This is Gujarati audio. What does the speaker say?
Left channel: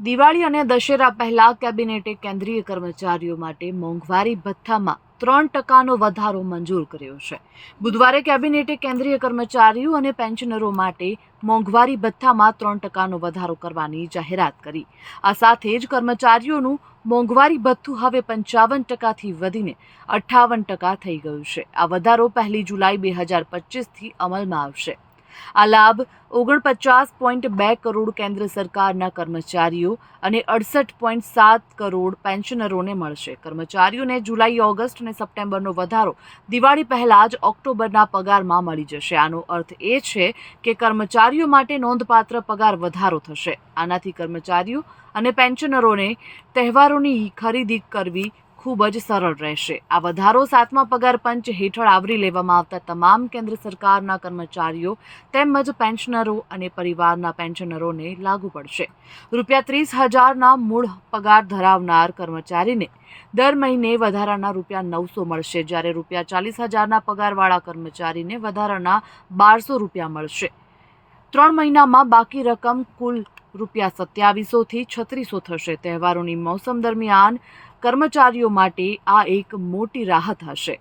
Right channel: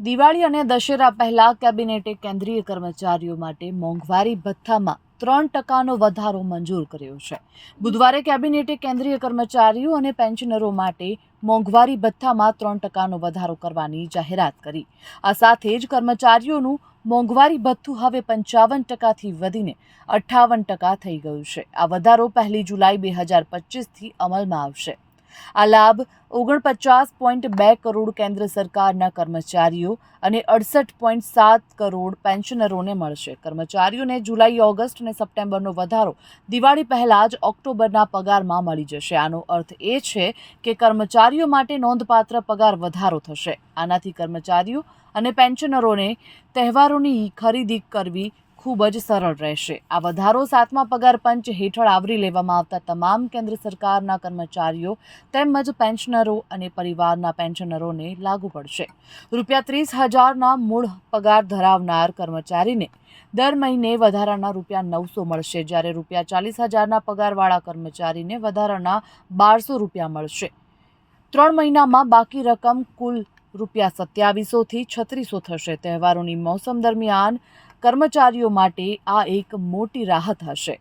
દિવાળી અને દશેરા પહેલા કેબિનેટે કેન્દ્રીય કર્મચારીઓ માટે મોંઘવારી ભથ્થામાં 3% વધારો મંજૂર કર્યો છે. બુધવારે કેબિનેટે કેન્દ્રીય કર્મચારીઓ અને પેન્શનરો માટે મોંઘવારી ભથ્થામાં 3% વધારો કરવાની જાહેરાત કરી. આ સાથે જ કર્મચારીઓનું મોંઘવારી ભથ્થું હવે 55%થી વધીને 58% થઈ ગયું છે. આ વધારો 1 જુલાઈ 2025થી અમલમાં આવશે. આ લાભ 49.2 કરોડ કેન્દ્ર સરકારના કર્મચારીઓ અને 68.7 કરોડ પેન્શનરોને મળશે. કર્મચારીઓને જુલાઈ, ઓગસ્ટ અને સપ્ટેમ્બરનો વધારો દિવાળી પહેલા જ ઓક્ટોબરના પગારમાં મળી જશે. આનો અર્થ એ છે કે કર્મચારીઓ માટે નોંધપાત્ર પગાર વધારો થશે. આનાથી કર્મચારીઓ અને પેન્શનરોને તહેવારોની ખરીદી કરવી ખૂબ જ સરળ રહેશે. આ વધારો 7મા પગાર પંચ હેઠળ આવરી લેવામાં આવતા તમામ કેન્દ્ર સરકારના કર્મચારીઓ તેમજ પેન્શનરો અને પરિવારના પેન્શનરોને લાગુ પડશે. ₹30,000ના મૂળ પગાર ધરાવનાર કર્મચારીને દર મહિને વધારાના ₹900 મળશે, જ્યારે ₹40,000ના પગારવાળા કર્મચારીને વધારાના ₹1,200 મળશે. 3 મહિનામાં બાકી રકમ કુલ ₹2700થી ₹3600 થશે. તહેવારોની મોસમ દરમિયાન કર્મચારીઓ માટે આ એક મોટી રાહત હશે.